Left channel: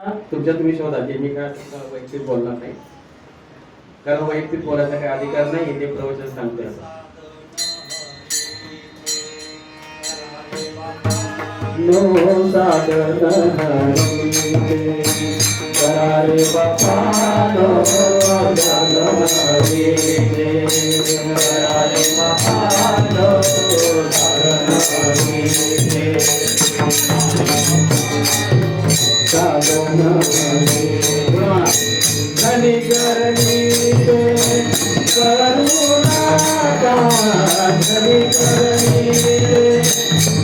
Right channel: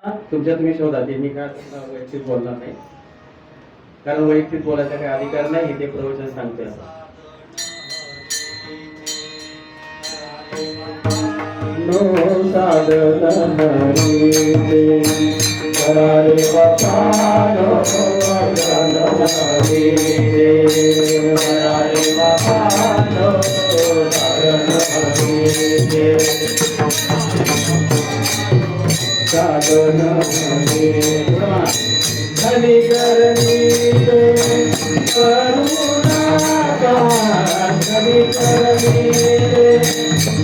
तुमच्या तुम्ही शोधा ते मी काय वैयक्तिक बोलणार नाही, कारण वैयक्तिक बोलायचा काही अधिकार नाही. ते प्रवचन सांगते नो साधन करारे बापा नो साधन करारे बापा नो साधन साधन धनी करनी तो करुणा धनी करनी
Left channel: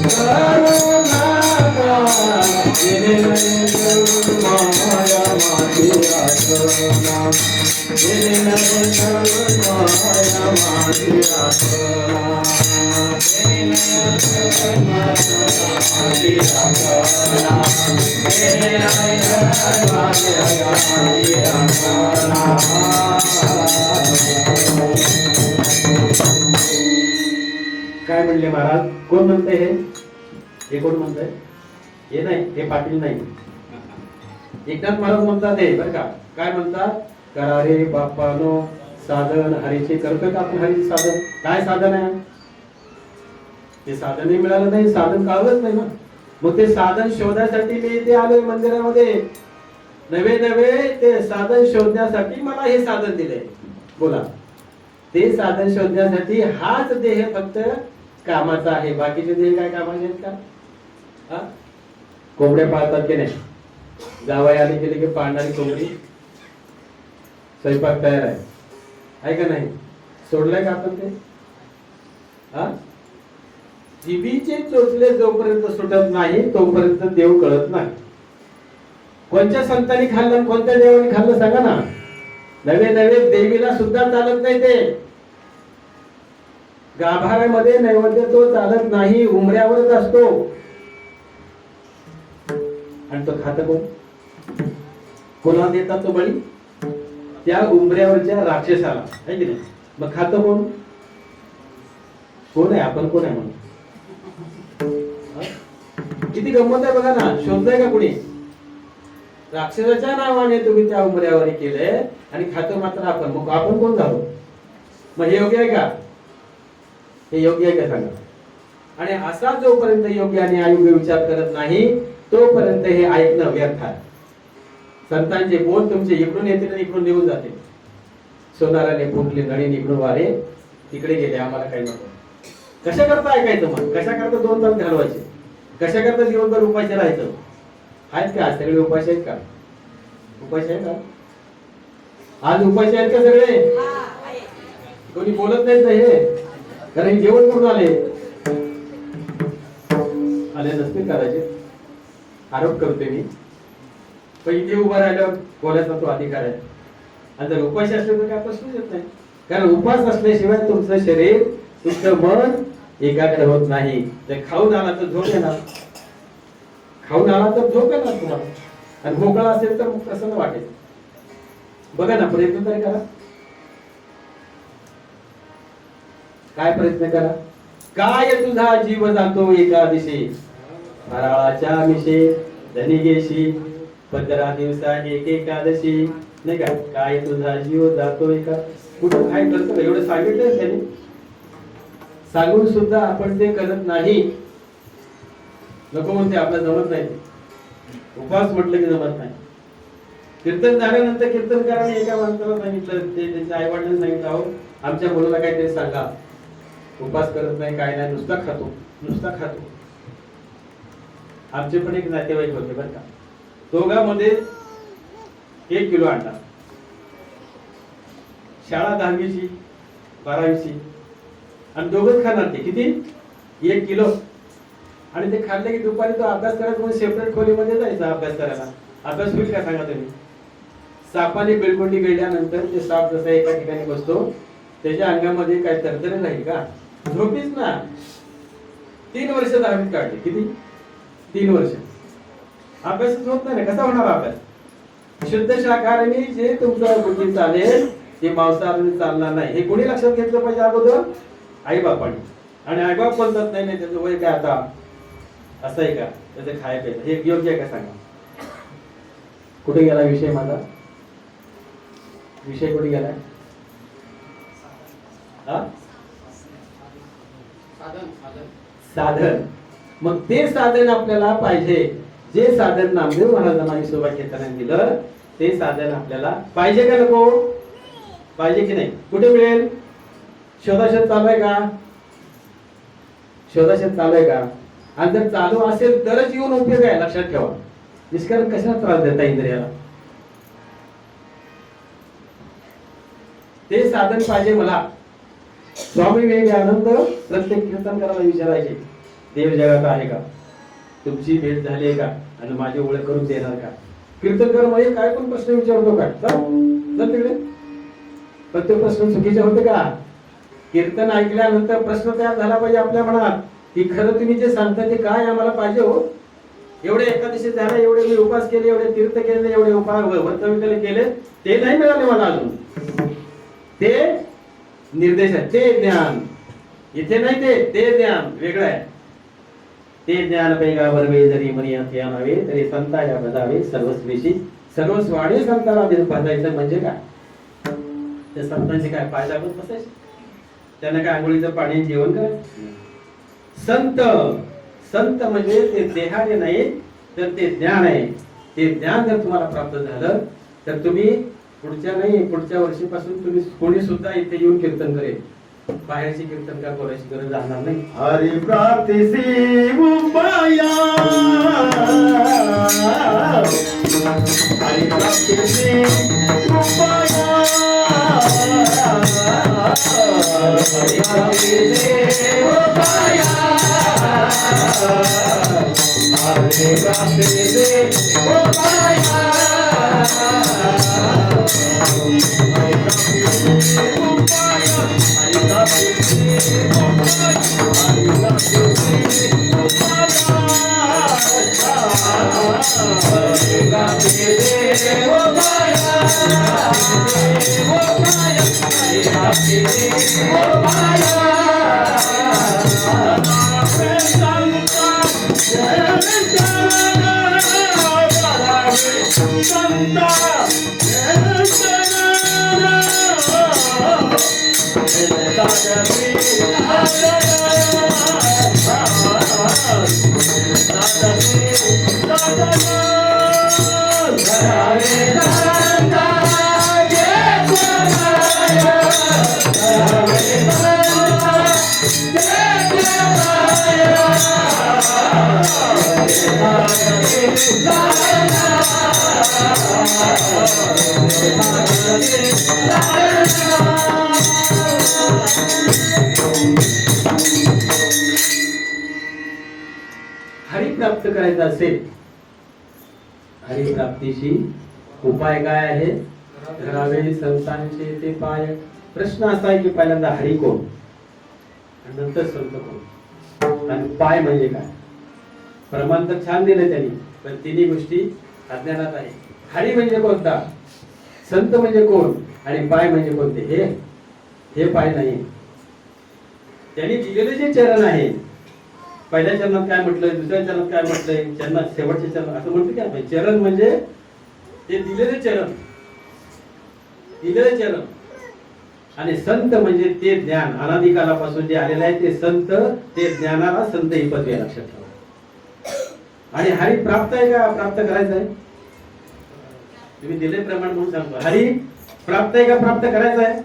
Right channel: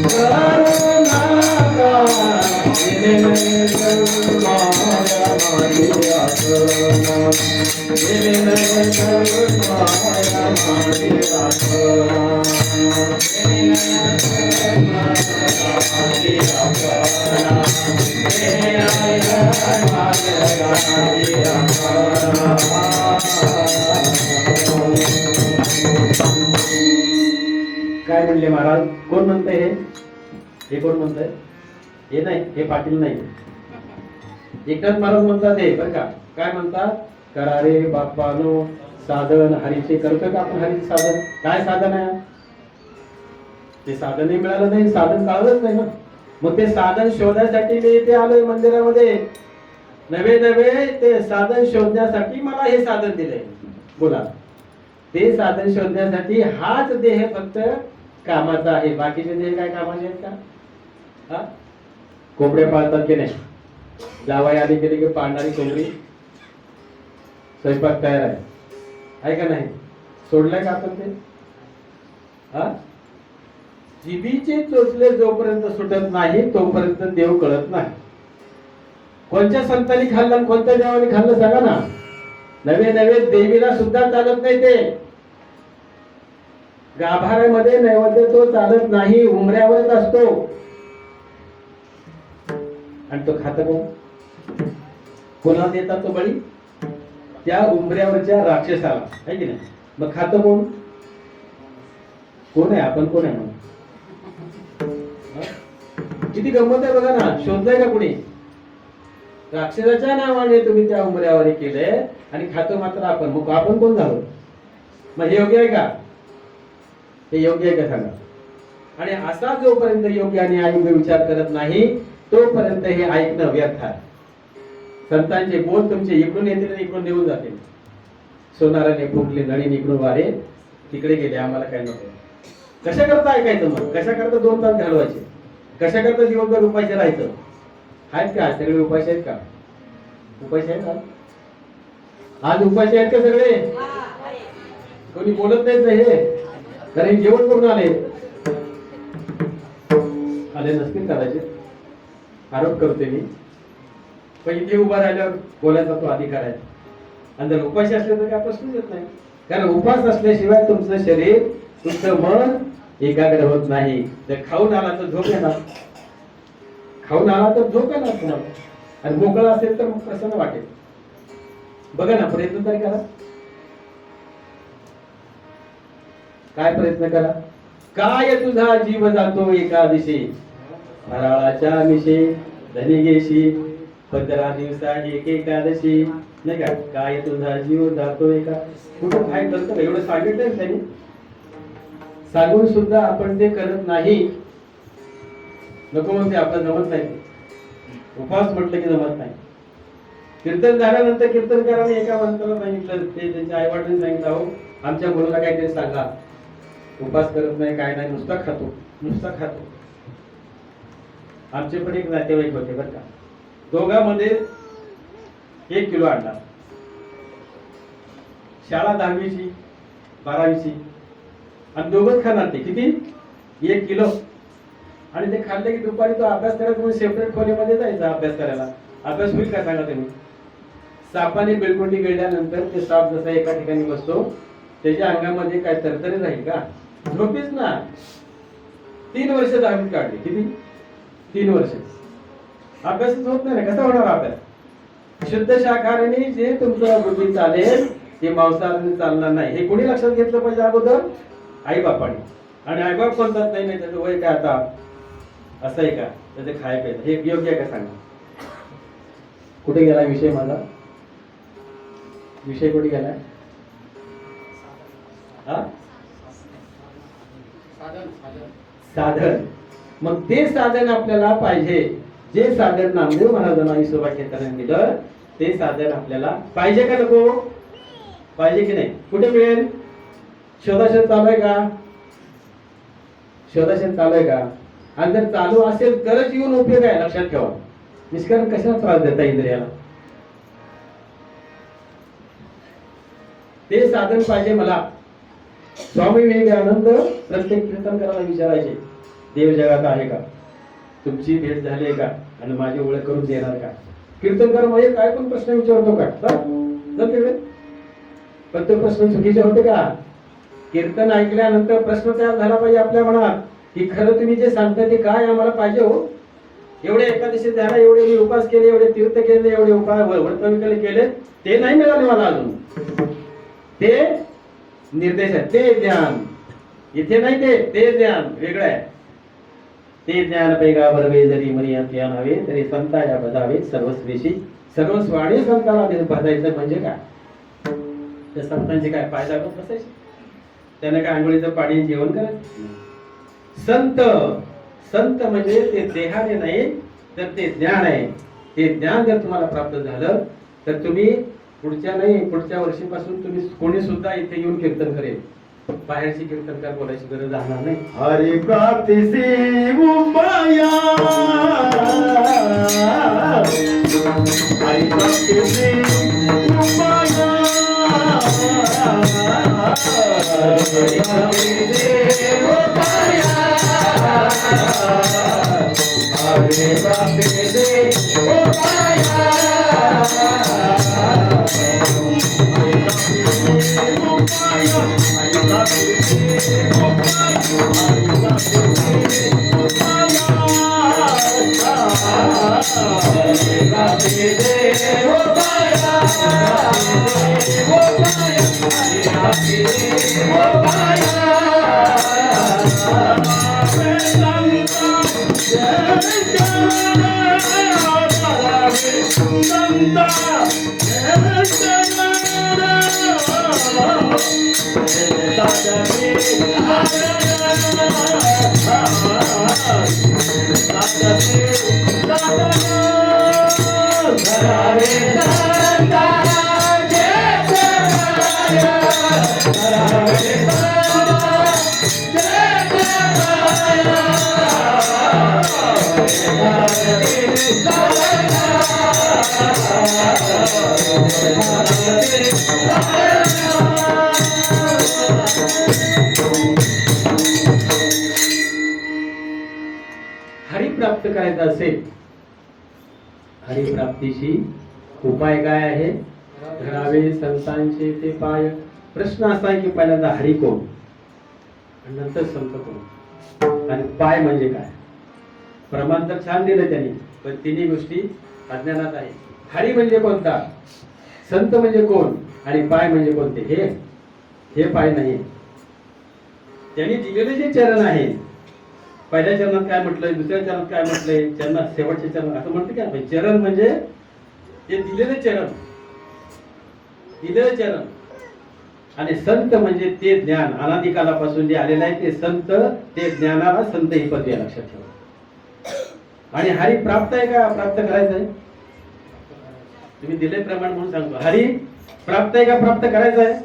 करुणा जिने में सब माया मारी आत्मा जिने में सब माया मारी आत्मा काय म्हणले महाराज? कोण म्हणतंय हे कोण म्हणतंय? हे नाही, हे पाटील नाही. एकनाथ महाराज म्हणतात हे बरं का. काय म्हणतात? करारे बाप्पानो साधन हरीचे. करतोय का आपण हरीचे साधन? काय साधन आहे ते? साधनही मिळालं नाही, साधन कळलंच नाही ना. मग ते साधन शोधण्यासाठी मी इथे आलोय मंदिरामध्ये. नवे नवे ते साधन शोधण्यासाठी मला हे साधन दिलंय. बोला, ते साधन शोधण्यासाठी हाच देह फक्त कामाचा आहे. बाकीचे देह काय कामाचे आहेत का? कोंबड्या पाळतात की नाही? जावाई आली गेली की पाळणारी कोंबडी, स्वयंपाक तयार आहे का नाही? सोडलंय का आपण ते? जिभीचे चोचले जोपर्यंत सुटत नाही तोपर्यंत देव कळत नाही. कोणत्या संतांनी खाल्लं, कोणत्या देवाने खाल्लं सांगा ना. नवे नवे देवीला सुद्धा चालत नाही ते. गाभाऱ्यामध्ये नैवेद्य तो चालत नाही, उमऱ्यावरच असतो. आणि तो खात कोण? कोणाला देतात तो बळी? त्या उमऱ्यावरच्या राक्षसाला, आहे की नाही? मग खात कोण? कोण आहे? आपण कोण आहे? म्हणून किती गंमत आहे बघा ना. शोधलंय का कुणी? राक्षसाच्या नावाने तुम्ही त्या उमऱ्यावर केले आणि खातो मात्र आपण. मग आपण कोण झालो? मग हे योग्य आहे का? हे योग्य आहे का सांगा? आणि असा जोपर्यंत योग्य आणि अयोग्य विचार करत नाही तोपर्यंत हे ऐकणं व्यर्थ आहे. संतांचे बोल तुमचे इकडून येतील आणि इकडून निघून जातील. सोनाराने फुंकले नळी निघून वारे तिकडे गेले, आम्हाला काय नको. कशा करता ऐकायचं? मग कशा करता 2 तास घालवायचे? कशा करता दिवसभर उपाशी राहायचं? आहेत का सगळे उपाशी आहेत का? उपाशी आहेत का? आज उपाशी आहेत का सगळे? कोणी बोलत नाहीत हे, कारण जेवण करून आले नसतील कदाचित. आरोप करते मी, पण इथे उभा राहिल्यावर बोलायचा तो अधिकार आहे. आणि जर उपाशी असले तर काय प्रश्नच येत नाही. कारण उपास असल्याशिवाय तुमचं शरीर, तुमचं मन एकाग्र होत नाही. जर खाऊन आला तर झोप येणार, खाऊन आला तर झोप येणार तुम्हाला. आणि मोकळा असेल तर मग प्रसन्न वाटेल. बघा ना, प्रयत्न तरी करा. काय प्रयत्न करा? काय तुझा जीव जातो एका दिशे, फराळाच्या मिशे धनी गेशी 15 दिवसा एक एकादशी. नाही का? काय तुझा जीव जातो एका. कुठं काय करतो? एवढं सांगितलंय त्यांनी, सांगून सुद्धा आपण ते करत नाही. नको म्हणते, आपल्याला जमत नाही. उपास म्हटलं की जमत नाही. कीर्तन झाल्यानंतर कीर्तन करायला एका माणसाला सांगितलं, ते त्यांच्या आई वडिलांनी सांगितलं, अहो आमच्या मुलाला काहीतरी सांगा. उपास करत नाही, काय नाही, नुसता खातो, नुसता खातो. आमचे पण एक नातेवाईक होते बरं का. दोघांमध्ये 1 किलो अंडा. शाळा 10वीची 12वीची आणि दोघंच खाणार. ते किती? 1 किलो. आणि ते खाल्ले की दुपारी तो अभ्यास करायचा म्हणून सेपरेट खोलीमध्ये जायचा अभ्यास करायला. अभ्यास होईल का सांगा तुम्ही? सापाने बिलकुंडी गिळल्यानंतर ते साप जसा एका ठिकाणी बसतो, त्याच्या अंगामध्ये काय तरतरी राहील का? झोपीच ना. 3 वर्ष 10वीत काढली. किती? 3 वर्ष. अभ्यासच होत नाही ना, कसा होणार अभ्यास? शुद्ध शाकाहारी जे तुमचं बुद्धी चालेल ते मांसाहारी चालणार नाही. हे कोणी लक्षात घेतलं पाहिजे अगोदर? आई बापाने. आणि आई बाप म्हणतात नाही नाही त्याचं वय काय आता असं आहे का, त्याचं खाय प्यायचं हे योग्य आहे का सांगा? कुठे गेला विषय माझा? विषय कुठे गेला? साधन. मग ते साधन आपल्याला पाहिजे. जे साधन नामदेव महाराजांना विसोबा घेताना दिलं ते साधन आपल्याला पाहिजे का नको? पाहिजे की नाही? कुठे मिळेल? शोधाशोध चालू आहे का? शोधाशोध चालू आहे का? आणि जर चालू असेल तरच येऊन उपयोग आहे, लक्षात ठेवा. निष्कारण कशाला त्रास देता इंद्रियाला? ते साधन पाहिजे मला. स्वामी विवेकानंद प्रत्येक कीर्तनकाराला विचारायचे, देव जगात आहे का? तुमची भेट झाली आहे का? आणि माझी ओळख करून देणार का? कीर्तनकार म्हणजे काय पण प्रश्न विचारतो का? तिकडे पण तो प्रश्न चुकीचे होते का? कीर्तन ऐकल्यानंतर प्रश्न तयार झाला पाहिजे आपल्या मनात की खरं तुम्ही जे सांगता ते काय आम्हाला पाहिजे हो? एवढे एकादशी झाला, एवढे मी उपास केले, एवढे तीर्थ केले, एवढे उपाय व्रतविकले केले, ते नाही मिळाले मला अजून. ते निर्देश आहे, ते ज्ञान इथे नाही, ते ज्ञान वेगळं आहे. ते ज्ञान पैगा बरवे जरी मनी या नावे तरी संताया बदावे सर्वस्वेशी सर्वस्वाणी संताला बसायचं म्हणजे काय? त्या संतांचे काय पाय दाबत बसायचे? त्यांना काय आंघोळीचं पाणी जेवण करायचं? संत संत म्हणजे ते देहाने नाही तर ते ज्ञान आहे. ते ज्ञान जर तुम्हाला प्राप्त झालं तर तुम्ही पुढच्या वर्षीपासून तुम्ही कोणी सुद्धा इथे येऊन कीर्तन करेल. बाहेरची कीर्तनकार बोलायची गरज राहणार नाही. हरी प्राप्तीसी उपाया, हरी प्राप्तीसी उपाया, हरी प्राप्तीसी उपाया, हरी प्राप्तीसी उपाया. हरी प्राप्त करायचं असेल, हरी प्राप्तीशी उपाय काय आहे? धरावे संतांचे ते पाय. प्रश्न असा आहे की पहिल्यांदा हरी कोण आणि नंतर संत कोण आणि पाय म्हणजे काय? प्रमाण तर छान दिलं त्यांनी, पण तिन्ही गोष्टी अज्ञानात आहे. हरी म्हणजे कोणता, संत म्हणजे कोण आणि पाय म्हणजे कोणते? हे पाय नाही. त्यांनी दिलेले जे चरण आहे, पहिल्या चरणात काय म्हटलंय, दुसऱ्या चरणात काय म्हटलंय, चरणात शेवटचे चरण असं म्हणतो की आपण. चरण म्हणजे ते दिलेले चरण, दिलेले चरण. आणि संत म्हणजे ते ज्ञान अनादिकालापासून जे आलेलं आहे ते संत, ते ज्ञानाला संत ही पदवी आहे, लक्षात ठेवा. आणि हरी प्राप्त आहे का? प्राप्त करायचं आहे. तुम्ही दिले प्रमाण म्हणून सांगतो, हरी प्राप्त आहे का? प्राप्त करायचं आहे.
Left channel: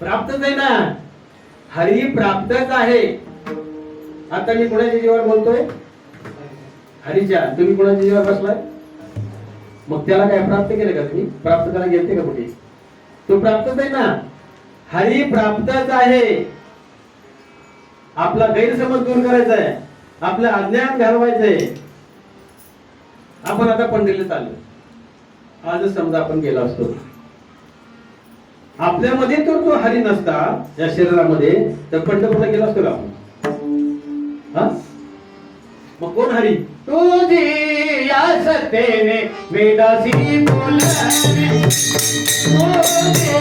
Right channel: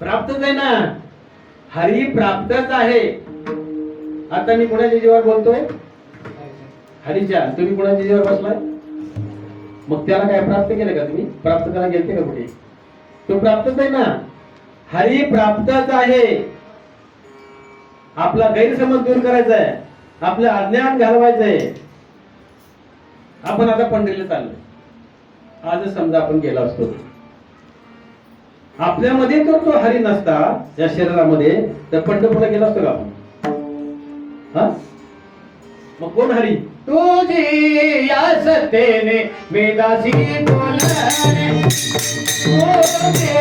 प्राप्तच आहे ना, हरी प्राप्तच आहे. आता मी कोणाच्या जीवावर बोलतोय? हरीच्या. तुम्ही कोणाच्या जीवावर बसलाय? मग त्याला काय प्राप्त केलं का? तुम्ही प्राप्त करायला गेलते का कुठे? तो प्राप्तच आहे ना. हरी प्राप्तच आहे. आपला गैरसमज दूर करायचा आहे, आपलं अज्ञान घालवायचंय. आपण आता पंढरीला चाललो. आजच समजा आपण गेला असतो, आपल्यामध्ये तर तो हरी नसता या शरीरामध्ये, तर पंढरपूरला गेला असतो का आपण? मग कोण हरी? तुझी या सत्तेने वेदासी बोलणे, तुझे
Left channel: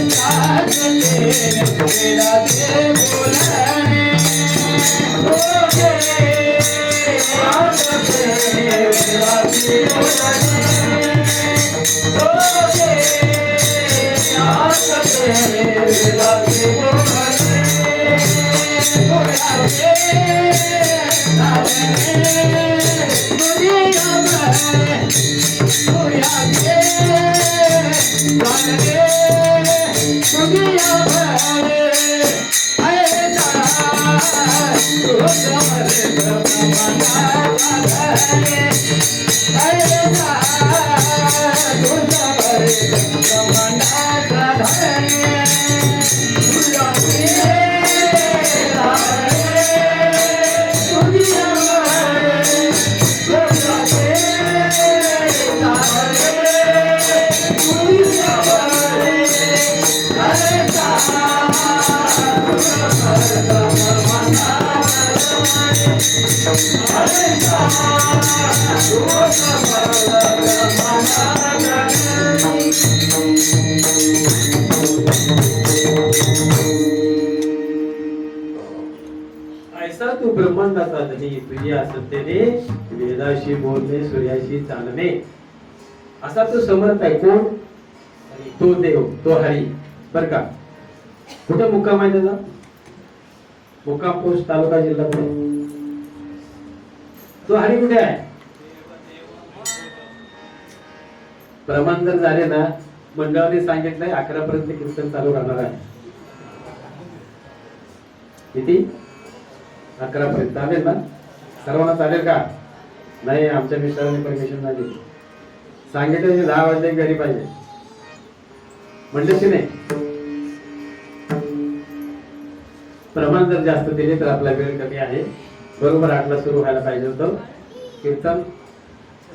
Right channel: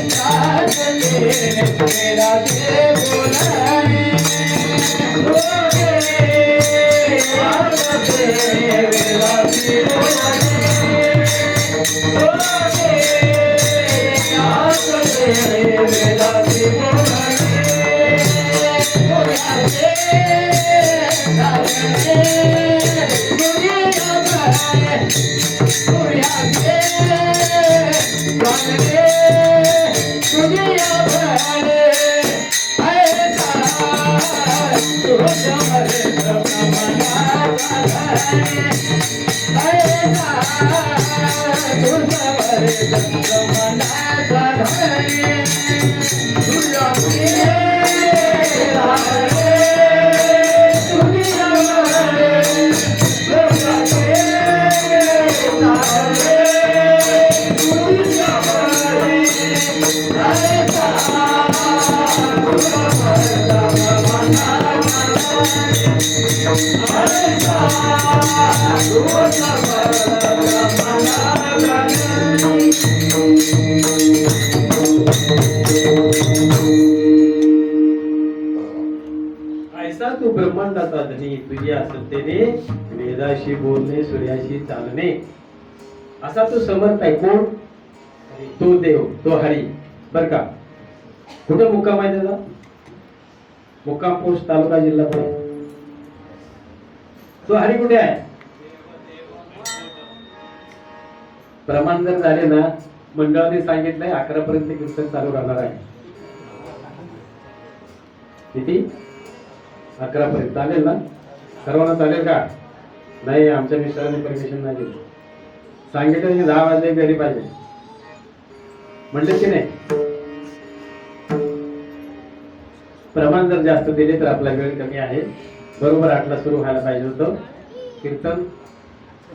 या सत्तेने वेदासी बोलणे, तुझे या सत्तेने वेदासी ऐसा तू ब्रह्मांडाचा धनी, तुझ्या सत्तेने वेदाशी बोलणे, सूर्याशी चालणे. असा तो समर्थ आहे. कोण? तो देव, तो हरी. बर का? कुठे मुक्काम आहे त्याचा? मुक्काम पोस्ट, तालुका, जिल्हा पुणे. तो हरी कुठे आहे? प्रमाण जर झाले ना, मंडळाने सांगितलंय 11 पर्यंत कीर्तन चालू राहणार आहे. किती? 11 पर्यंत. चालेल ना? सर्वांना चालेल का? नाही, आमच्या मिस्टरांनी परमिशन नाही दिली. सांगितलं की 10 वाजले घरी पाहिजे म्हणले की नाही. प्रमाण जर जास्त दिले तर आपला वेळ कमी आहे. बरोबर 8ला सुरू व्हायला पाहिजे होतं कीर्तन.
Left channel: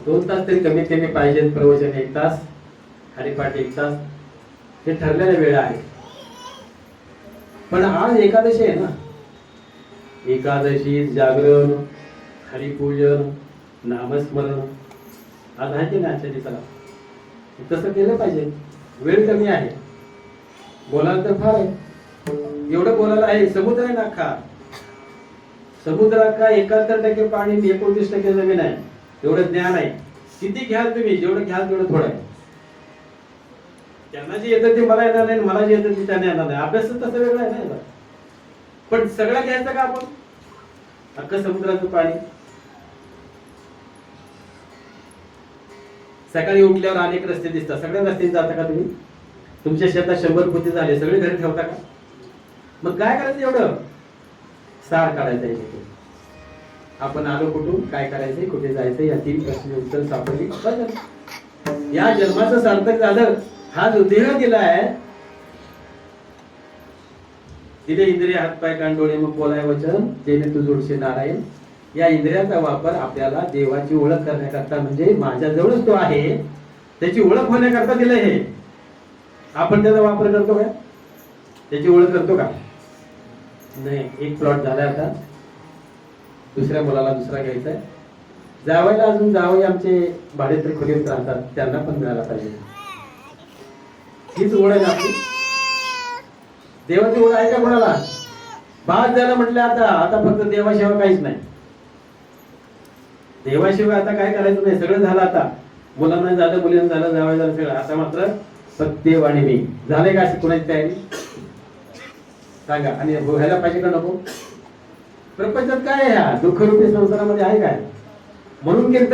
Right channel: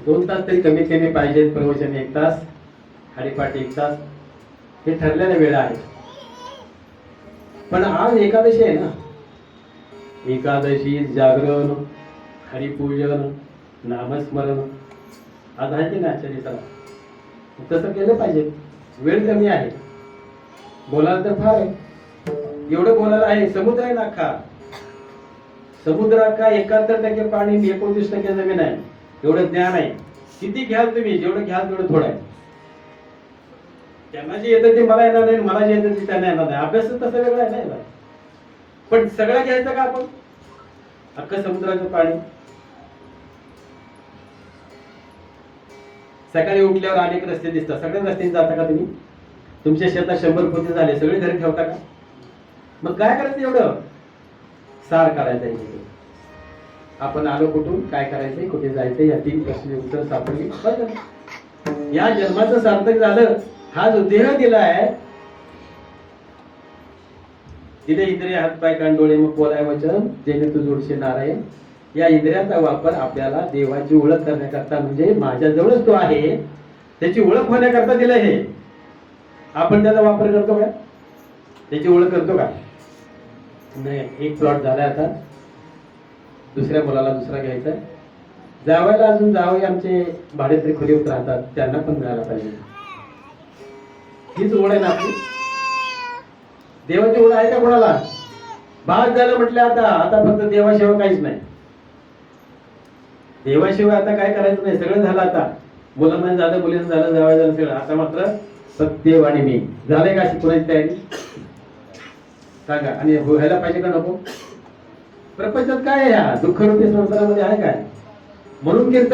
2 तास तरी कमी केले पाहिजे. प्रवचन 1 तास, हरिपाठ 1 तास, हे ठरलेल्या वेळा आहे. पण आज एकादशी आहे ना. एकादशी, जागरण, हरिपूजन, नामस्मरण आज आहे की नाही आजच्या दिवसाला. तसं केलं पाहिजे. वेळ कमी आहे. बोलायला तर फार आहे. एवढं बोलायला आहे. समुद्र आहे ना अख्खा. समुद्र अख्खा 71% पाणी, 29% जमीन आहे. एवढं ज्ञान आहे. किती घ्याल तुम्ही? जेवढं घ्याल तेवढं थोडं आहे. त्यांना जे येतं ते मला येणार नाही, मला जे येतं ते त्यांना येणार नाही. अभ्यास तसं वेगळं आहे नाही. पण सगळं घ्यायचं का आपण? अख्खं समुद्राचं पाणी. सकाळी उठल्यावर अनेक रस्ते दिसतात. सगळ्या रस्त्याने जाता का तुम्ही? तुमच्या शेतात 100 पोते झाले, सगळे घरी ठेवता का? मग काय करायचं? एवढं सार काढायचं आहे. आपण आलो कुठून, काय करायचंय, कुठे जायचंय, या 3 प्रश्न उत्तर सापडली. या जन्माचं सार्थक झालं. हा जो देह दिलाय, तिथे इंद्रिय, हात, पाय, कान, डोळे, मग बोलाय वचन, जेणे तू जोडशे नारायण. या इंद्रियांचा वापर आपल्याला देवाची ओळख करण्याकरता, म्हणजे माझ्याजवळच तो आहे त्याची ओळख होण्याकरता दिलं हे. आपण त्याचा वापर करतो का? त्याची ओळख करतो का? नाही. एक प्लॉट झाला. आता दुसऱ्या मुलाला दुसरा घ्यायचा. जावायला अजून जावई आमचे भाडेतरी खोलीवर राहतात, त्यांना पण मिळाला पाहिजे. हीच ओढ आहे ना आपली. देवाची ओढ आहे का कोणाला? भाग झालं म्हटलं. आता फक्त देवाशिवाय काहीच नाही. देवाशिवाय आता काय करायचं नाही. सगळं झालं. आता मुलांना झालं, मुलींना झालं, जावई झालं, सगळं. आता मात्र फक्त देव आणि मी. झाले का अशी कोणाची तयारी? सांगा. आणि व्हायला पाहिजे का नको? प्रपंचात काय आहे? ह्या दुःखरूपी संसारामध्ये आहे काय? म्हणून कीर्तन